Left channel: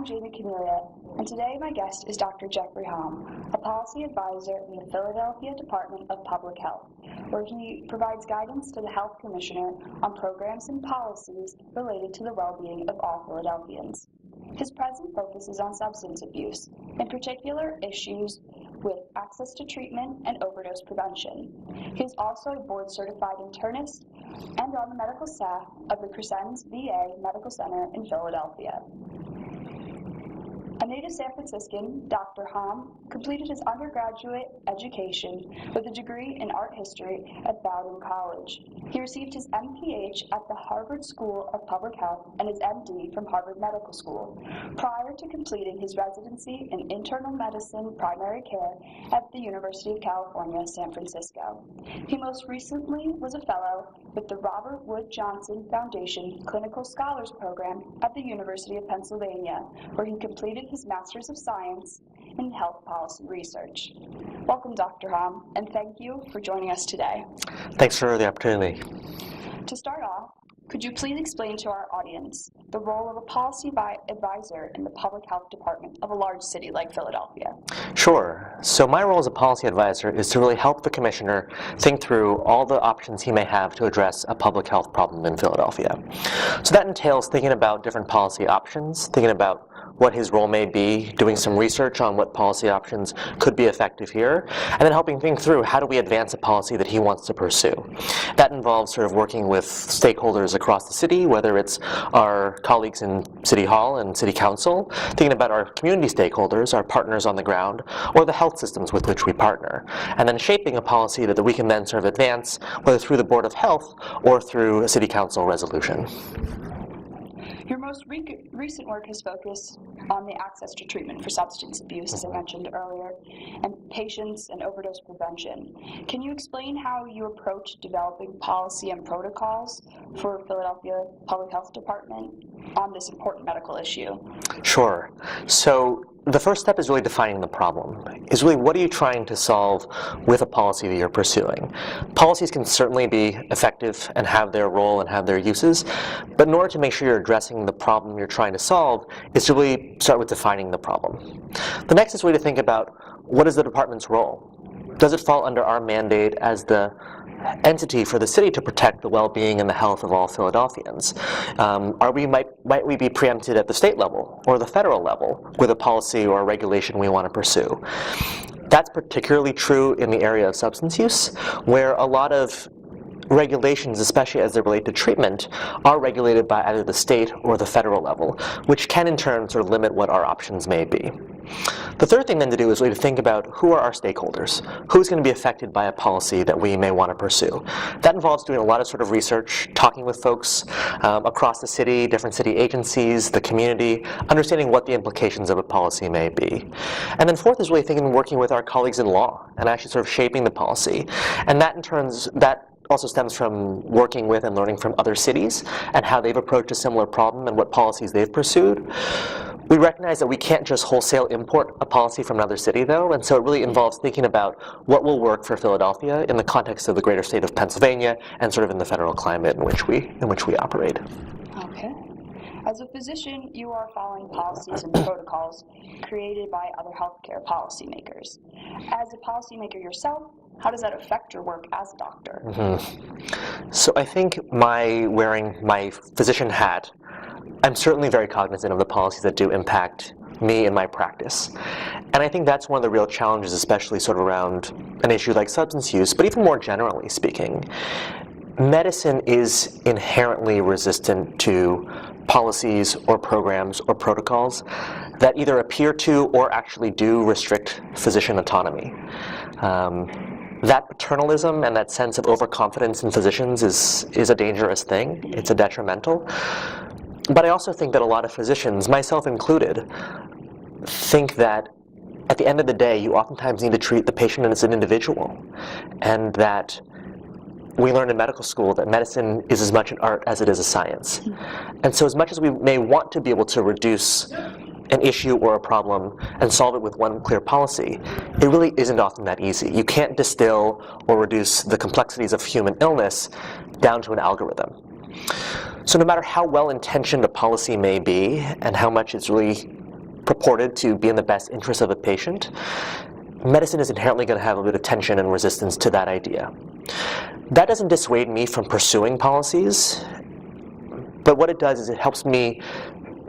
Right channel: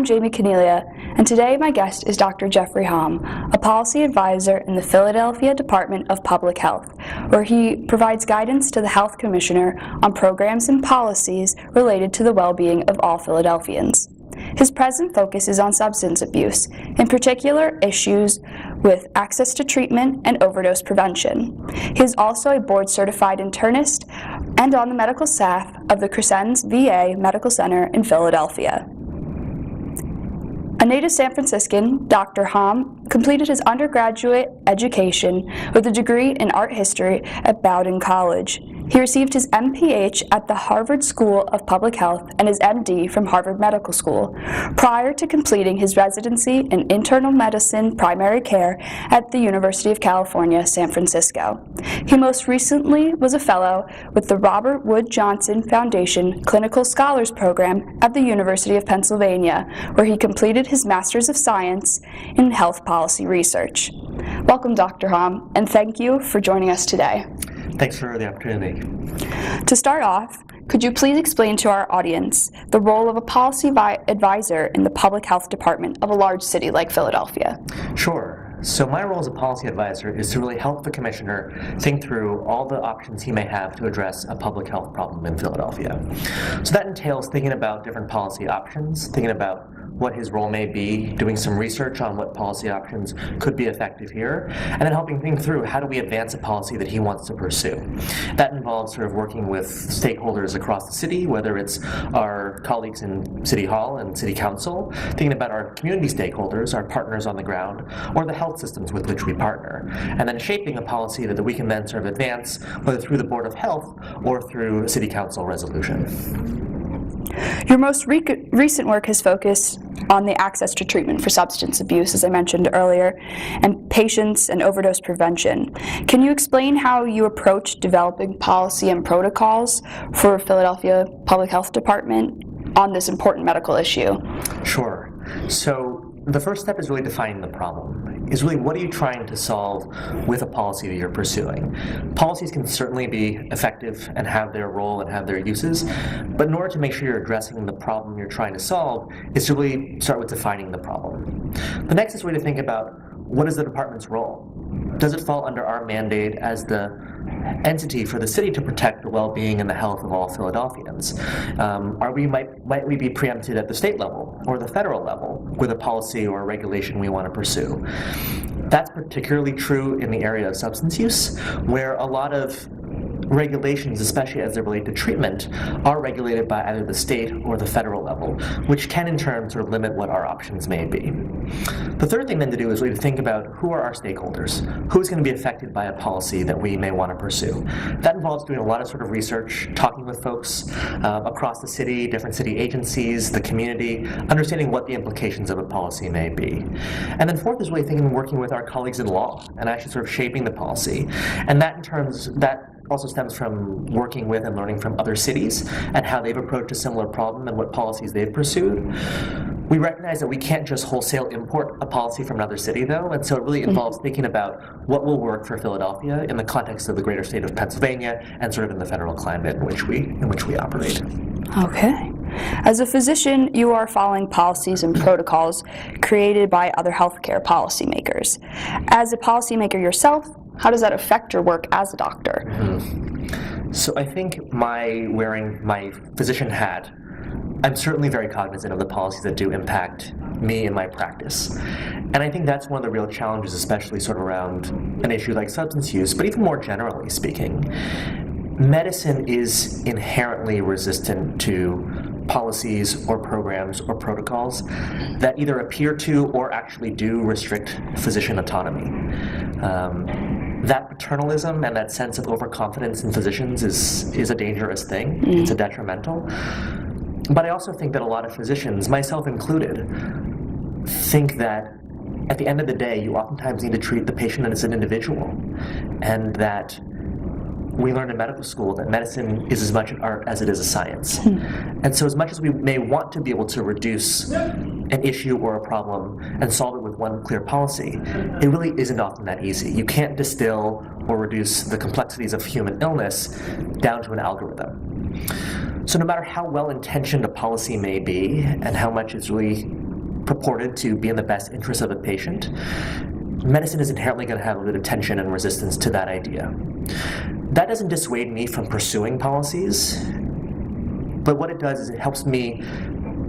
I'm Jamie Caniglia, and today my guest is Dr. Jeffrey Hom, a policy advisor in the Philadelphia Department of Public Health, where he provides guidance to the Health Commissioner on programs and policies related to the well-being of all Philadelphians. His present focus is on substance abuse, in particular issues with access to treatment and overdose prevention. He is also a board-certified internist and on the medical staff of the Crescens VA Medical Center in Philadelphia. A native San Franciscan, Dr. Hom completed his undergraduate education with a degree in art history at Bowdoin College. He received his MPH at the Harvard School of Public Health and his MD from Harvard Medical School, prior to completing his residency in internal medicine primary care at the University of California, San Francisco. He most recently was a fellow with the Robert Wood Johnson Foundation Clinical Scholars Program at the University of Pennsylvania, where he completed his Master's of Science in Health Policy Research. Welcome, Dr. Hom, and thank you for joining us today. Thanks for the opportunity. To start off, could you please explain to our audience the role of a policy advisor in the public health department of a large city like Philadelphia? Sure. So my role as a policy advisor is to really help the commissioner think through all the options he may have to address a public health problem in Philadelphia. So that entails thinking about different policy options, thinking about what his role may be, doing some research on what policy options could be effective here, and then helping think through how do we advance a policy that he wants to pursue. That involves sort of working with stakeholders across the city, whether it's our colleagues in City Hall and City Council, thinking about our community stakeholders, our partners on the ground, or the health systems with which we partner, and then shaping a policy that we can then sort of advance, whether through the Board of Health or through a City Council resolution. Your most recent work has focused on the access to treatment for substance abuse, as I mentioned earlier, and patients and overdose prevention. Can you explain how you approach developing policy and protocols for Philadelphia Public Health Department on this important medical issue? Sure. So the first step is really defining the problem, is really what are you trying to solve with a policy that you're pursuing. Policies can certainly be effective and have their role and have their uses, but in order to make sure you're addressing the problem you're trying to solve is to really start with defining the problem. The next is really to think about what is the department's role. Does it fall under our mandate as the entity for the city to protect the well-being and the health of all Philadelphians? Might we be preempted at the state level or the federal level with a policy or a regulation we want to pursue? That's particularly true in the area of substance use, where a lot of regulations, especially as they relate to treatment, are regulated by either the state or the federal level, which can in turn sort of limit what our options may be. The third thing then to do is really to think about who are our stakeholders, who's going to be affected by a policy that we may want to pursue. That involves doing a lot of sort of research, talking with folks across the city, different city agencies, the community, understanding what the implications of a policy may be. And then fourth is really thinking and working with our colleagues in law and actually sort of shaping the policy. And that in turns, that also stems from working with and learning from other cities and how they've approached a similar problem and what policies they've pursued. We recognize that we can't just wholesale import a policy from another city, though, and so it really involves thinking about what will work for Philadelphia in the context of the greater state of Pennsylvania and sort of in the federal climate in which we operate. Okay. As a physician, you are following policies and protocols created by other healthcare policymakers. As a policymaker yourself, how does that affect your work as a doctor? So I think wearing my physician hat, I'm certainly very cognizant of the policies that do impact me in my practice. And I think that's one of the real challenges, especially sort of around an issue like substance use, but even more generally speaking. Medicine is inherently resistant to policies or programs or protocols that either appear to or actually do restrict physician autonomy. That paternalism and that sense of overconfidence in physicians is a dangerous thing. It's a detrimental. But I also think that a lot of physicians, myself included, think that at the end of the day, you oftentimes need to treat the patient as an individual, and that we learned in medical school that medicine is as much an art as it is a science. And so as much as we may want to be able to reduce an issue or a problem and solve it with one clear policy, it really isn't often that easy. You can't distill or reduce the complexities of human illness down to an algorithm. So no matter how well-intentioned a policy may be and how much it's really purported to be in the best interest of a patient, medicine is inherently going to have a bit of tension and resistance to that idea. That doesn't dissuade me from pursuing policies, but what it does is it helps me,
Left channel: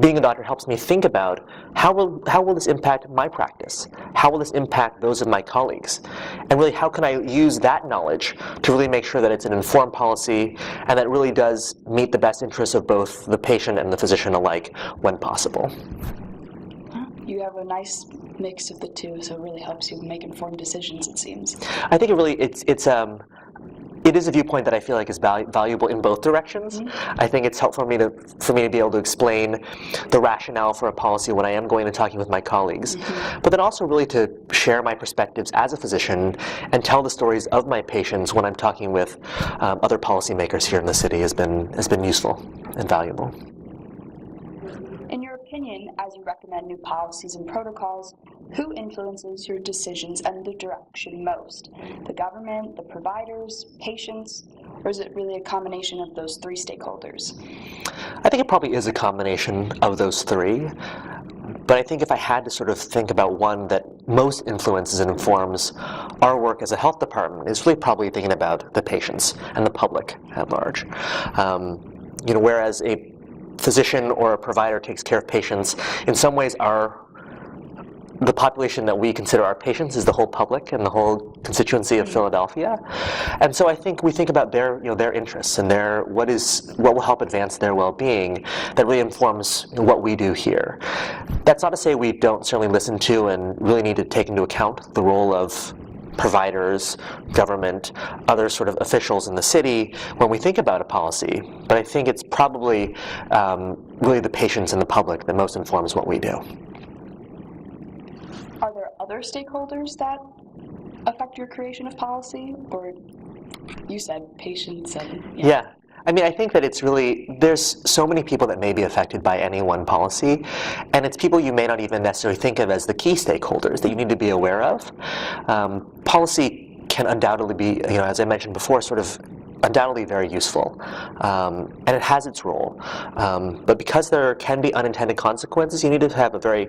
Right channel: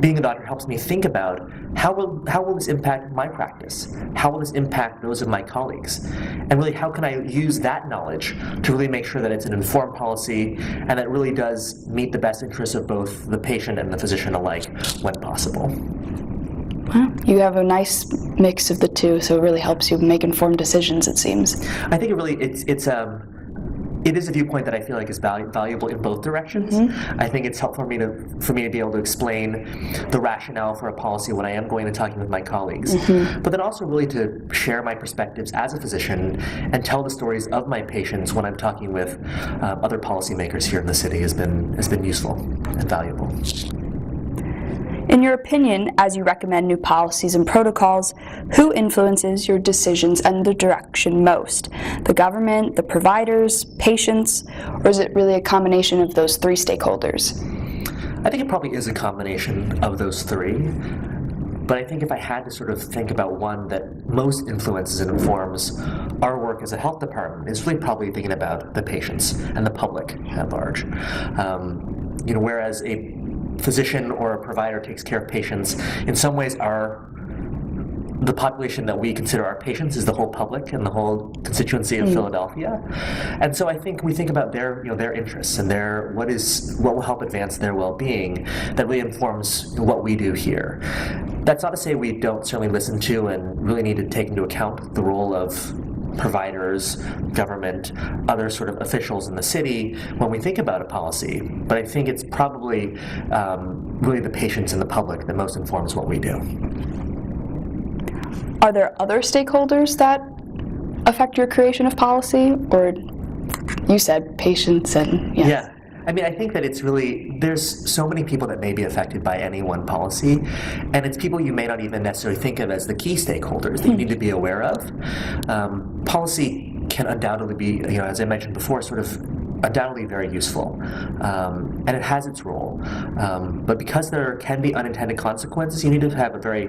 being a doctor helps me think about how will this impact my practice? How will this impact those of my colleagues? And really, how can I use that knowledge to really make sure that it's an informed policy and that really does meet the best interests of both the patient and the physician alike when possible? Well, you have a nice mix of the two, so it really helps you make informed decisions, it seems. I think it is a viewpoint that I feel like is valuable in both directions. Mm-hmm. I think it's helpful for me to be able to explain the rationale for a policy when I am going and talking with my colleagues, mm-hmm. but then also really to share my perspectives as a physician and tell the stories of my patients when I'm talking with other policymakers here in the city has been useful and valuable. In your opinion, as you recommend new policies and protocols, who influences your decisions and the direction most? The government, the providers, patients, or is it really a combination of those three stakeholders? I think it probably is a combination of those three. But I think if I had to sort of think about one that most influences and informs our work as a health department, it's really probably thinking about the patients and the public at large. Whereas a physician or a provider takes care of patients, in some ways the population that we consider our patients is the whole public and the whole constituency of Philadelphia. And so I think we think about their interests and what will help advance their well-being that really informs what we do here. That's not to say we don't certainly listen to and really need to take into account the role of providers, government, other sort of officials in the city when we think about a policy. But I think it's probably really the patients and the public that most informs what we do. Are there other stakeholders that affect your creation of policy? Or you said patients and yes. Yeah. I mean, I think that there's so many people that may be affected by any one policy, and it's people you may not even necessarily think of as the key stakeholders that you need to be aware of. Policy can undoubtedly be, as I mentioned before, sort of undoubtedly very useful, and it has its role. But because there can be unintended consequences, you need to have a very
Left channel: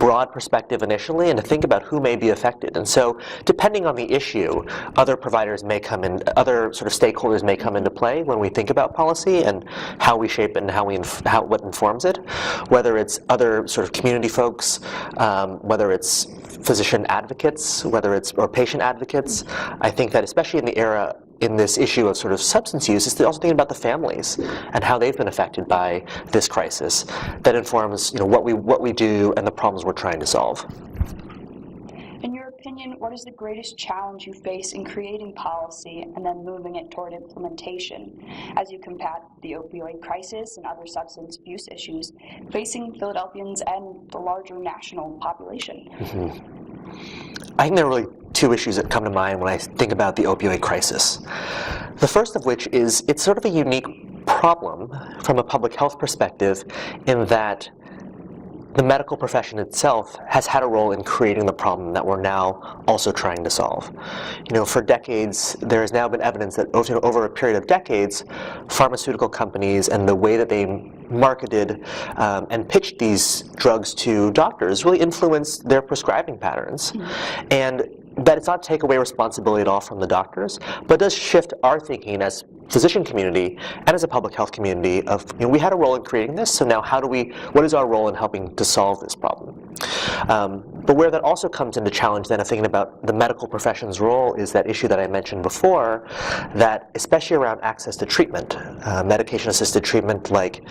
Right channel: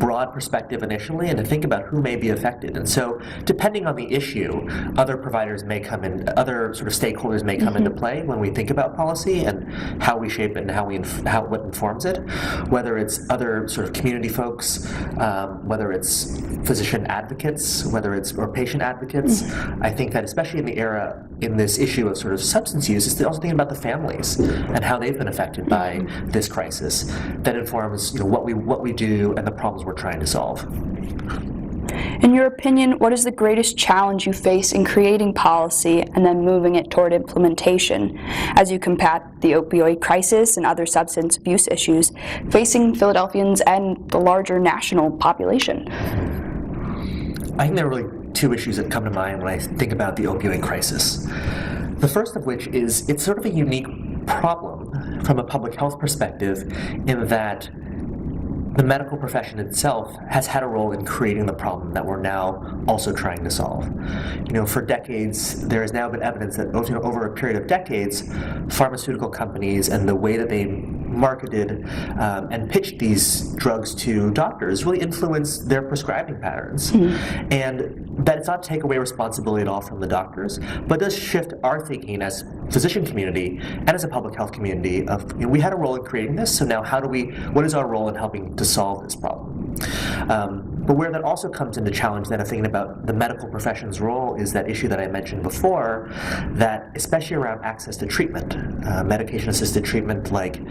broad perspective initially and to think about who may be affected. And so depending on the issue, other providers may come in, other sort of stakeholders may come into play when we think about policy and how we shape it and what informs it, whether it's other sort of community folks, whether it's physician advocates, or patient advocates. I think that especially in this issue of sort of substance use, is also thinking about the families and how they've been affected by this crisis that informs what we do and the problems we're trying to solve. In your opinion, what is the greatest challenge you face in creating policy and then moving it toward implementation as you combat the opioid crisis and other substance abuse issues facing Philadelphians and the larger national population? I think there are really two issues that come to mind when I think about the opioid crisis. The first of which is it's sort of a unique problem from a public health perspective in that the medical profession itself has had a role in creating the problem that we're now also trying to solve. For decades, there has now been evidence that over a period of decades, pharmaceutical companies and the way that they marketed and pitched these drugs to doctors really influenced their prescribing patterns. And that it's not to take away responsibility at all from the doctors, but does shift our thinking as physician community and as a public health community of, we had a role in creating this, so now what is our role in helping to solve this problem? But where that also comes into challenge then of thinking about the medical profession's role is that issue that I mentioned before, that especially around access to treatment, medication-assisted treatment like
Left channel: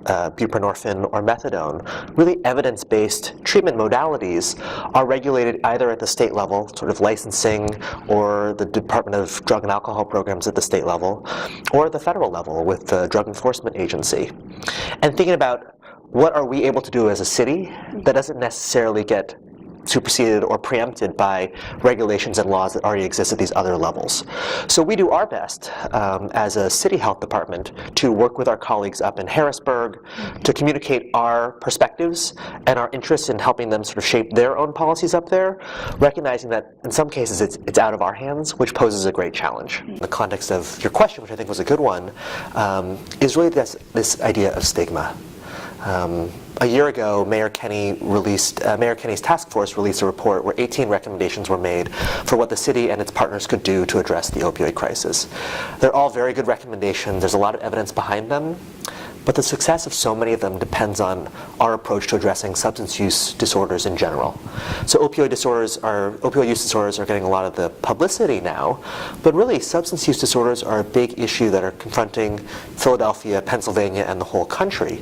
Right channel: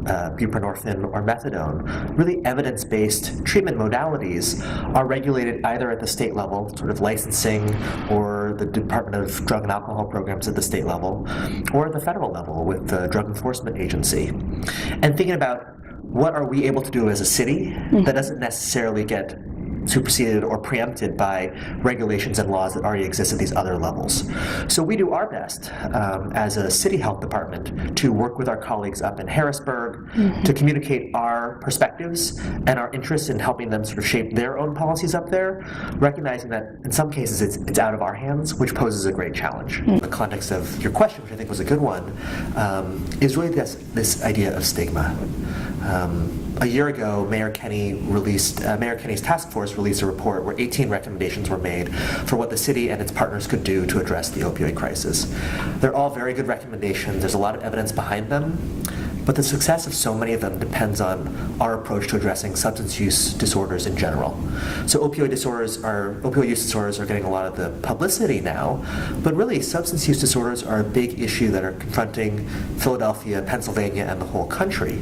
buprenorphine or methadone, really evidence-based treatment modalities are regulated either at the state level, sort of licensing, or the Department of Drug and Alcohol programs at the state level, or the federal level with the Drug Enforcement Agency. And thinking about what are we able to do as a city that doesn't necessarily get superseded or preempted by regulations and laws that already exist at these other levels. So we do our best as a city health department to work with our colleagues up in Harrisburg to communicate our perspectives and our interests in helping them sort of shape their own policies up there, recognizing that in some cases it's out of our hands, which poses a great challenge. In the context of your question, which I think was a good one, is really this idea of stigma. A year ago, Mayor Kenny's task force released a report where 18 recommendations were made for what the city and its partners could do to address the opioid crisis. They're all very good recommendations. There's a lot of evidence behind them, but the success of so many of them depends on our approach to addressing substance use disorders in general. So opioid use disorders are getting a lot of the publicity now, but really substance use disorders are a big issue that are confronting Philadelphia, Pennsylvania, and the whole country.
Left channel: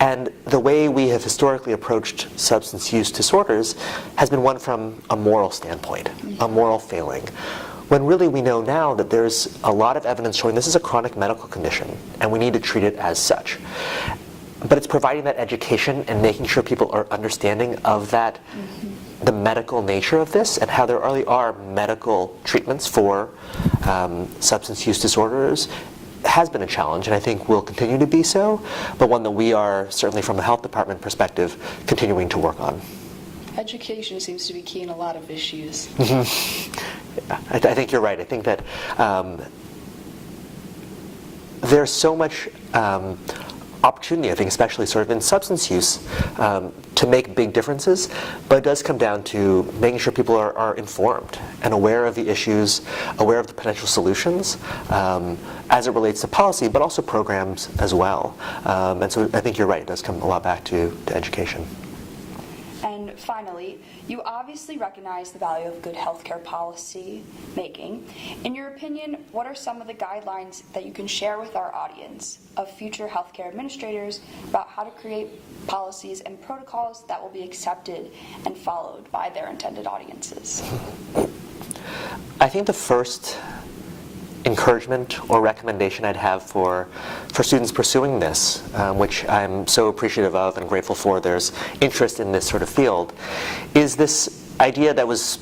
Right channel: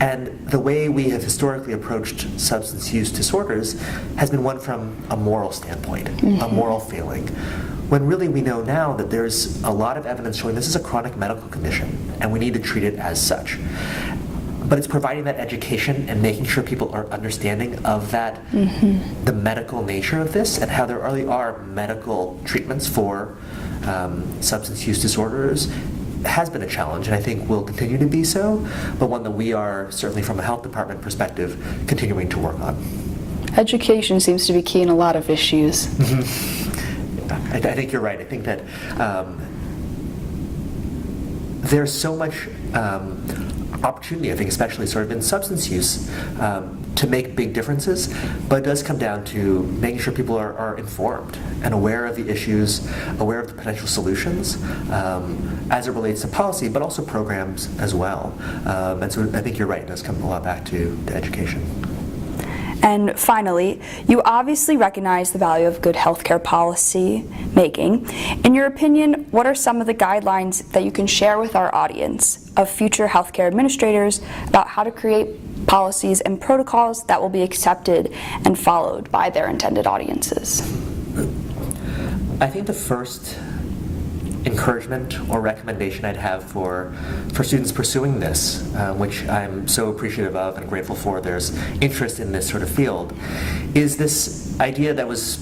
And the way we have historically approached substance use disorders has been one from a moral standpoint, a moral failing. When really we know now that there's a lot of evidence showing this is a chronic medical condition and we need to treat it as such. But it's providing that education and making sure people are understanding of that, the medical nature of this, and how there really are medical treatments for substance use disorders has been a challenge, and I think will continue to be so, but one that we are, certainly from a health department perspective, continuing to work on. Education seems to be key in a lot of issues. I think you're right. I think that there's so much opportunity, I think, especially sort of in substance use, to make big differences, but it does come down to making sure people are informed and aware of the issues, aware of the potential solutions as it relates to policy, but also programs as well. And so I think you're right. It does come a lot back to education. And finally, you obviously recognize the value of good healthcare policy making. In your opinion, what are some of the guidelines that you can share with our audience of future healthcare administrators about how to create policies and protocols that will be accepted and followed by their intended audiences? I think the first encouragement or recommendation I'd have for students pursuing this, which I'm so appreciative of and grateful for there's interest in this sort of field, is this idea that was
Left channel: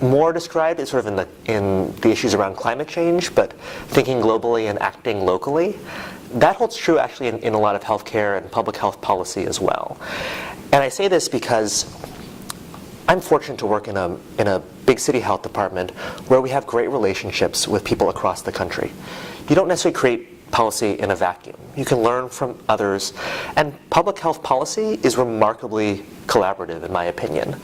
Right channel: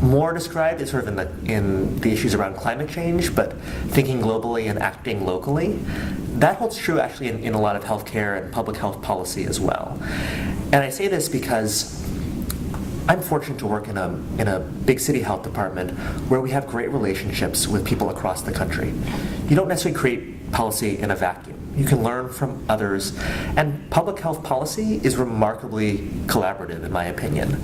more described as sort of in the issues around climate change, but thinking globally and acting locally. That holds true actually in a lot of healthcare and public health policy as well. And I say this because I'm fortunate to work in a big city health department where we have great relationships with people across the country. You don't necessarily create policy in a vacuum. You can learn from others, and public health policy is remarkably collaborative, in my opinion.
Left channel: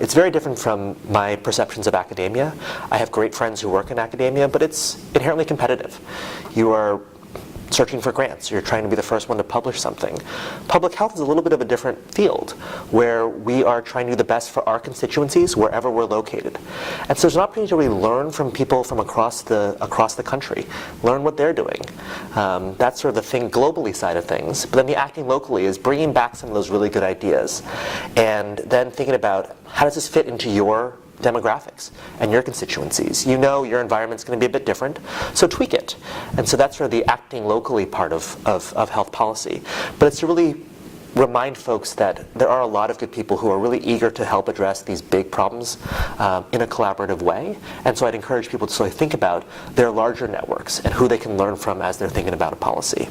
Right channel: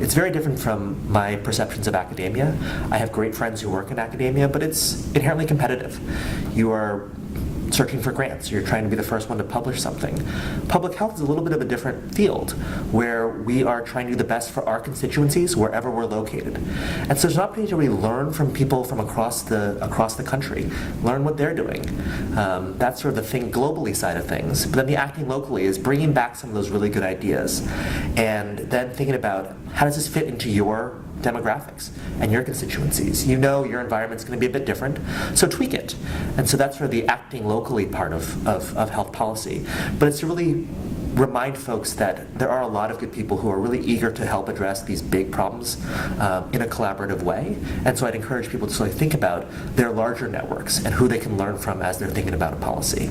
It's very different from my perceptions of academia. I have great friends who work in academia, but it's inherently competitive. You are searching for grants. You're trying to be the first one to publish something. Public health is a little bit of a different field where we are trying to do the best for our constituencies wherever we're located. And so there's an opportunity to really learn from people from across the country, learn what they're doing. That's sort of the thing globally side of things. But then the acting locally is bringing back some of those really good ideas and then thinking about how does this fit into your demographics and your constituencies. You know your environment's going to be a bit different, so tweak it. And so that's sort of the acting locally part of health policy. But it's to really remind folks that there are a lot of good people who are really eager to help address these big problems in a collaborative way. And so I'd encourage people to sort of think about their larger networks and who they can learn from as they're thinking about a policy.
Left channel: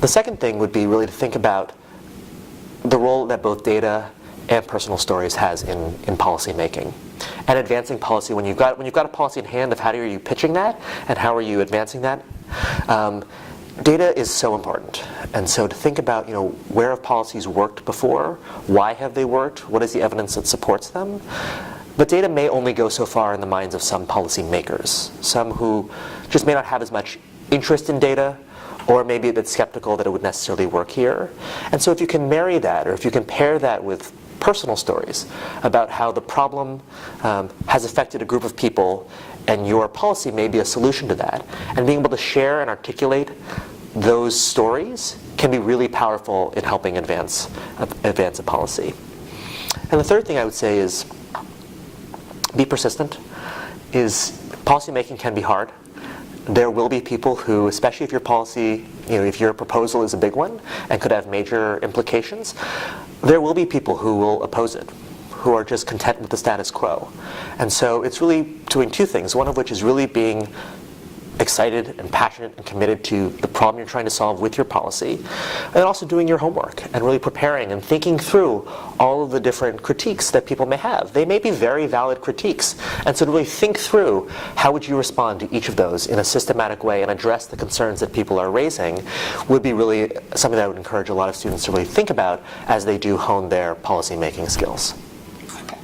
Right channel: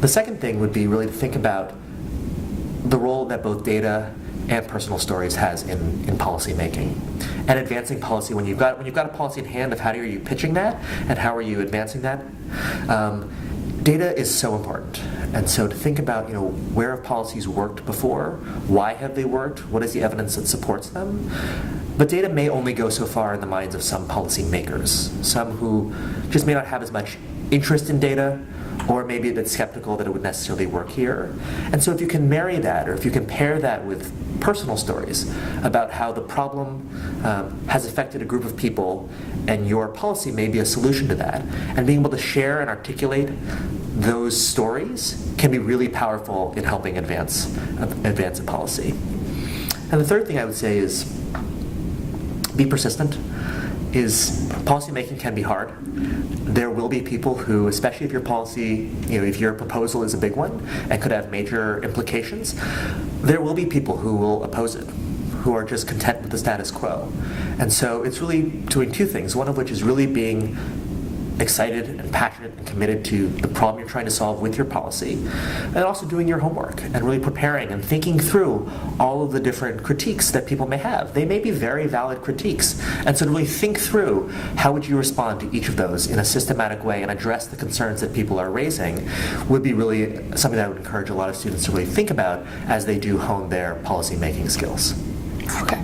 The second thing would be really to think about the role that both data and personal stories has in policy making and advancing policy. When you've got a policy in hand, of how are you pitching that and how are you advancing that, data is so important. And so to think about, where have policies worked before, why have they worked, what is the evidence that supports them. But data may only go so far in the minds of some policy makers, some who just may not have as much interest in data, or maybe a bit skeptical that it would necessarily work here. And so if you can marry that, or if you can pair that with personal stories about how the problem has affected a group of people and your policy may be a solution to that, and being able to share and articulate those stories can be really powerful in helping advance a policy. And the third thing I would say is be persistent. Policy making can be hard. There will be people who, especially if your policy, if your proposal is a big one and could have major implications, there will be people who will oppose it, who are just content with the status quo. And so it's really doing two things, one of which is really being excited and passionate and committed to the problem you're trying to solve with your policy, and also doing your homework and really preparing and thinking through all of the different critiques that people may have. They may be very valid critiques, and so to really think through how would you respond to each of those in a systematic way and address the concerns that people are raising would be really something that I would encourage a lot of students to really think about as they do hone their policy-making skills. Okay.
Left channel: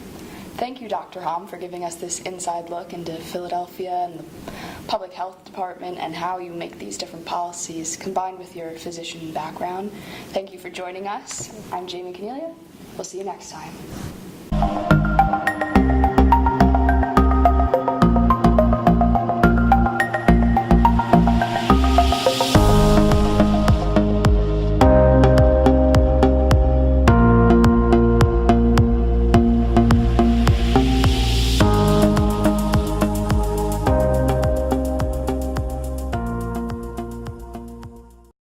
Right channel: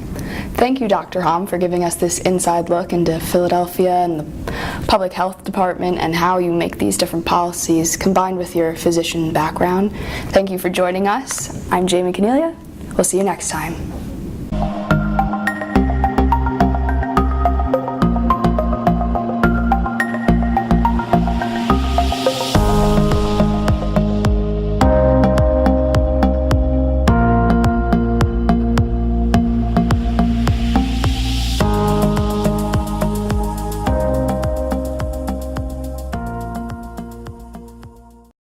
Thank you, Dr. Hom, for giving us this inside look into Philadelphia and the public health department and how you make these different policies combined with your physician background. Thank you for joining us. I'm Caniglia. We'll see you next time.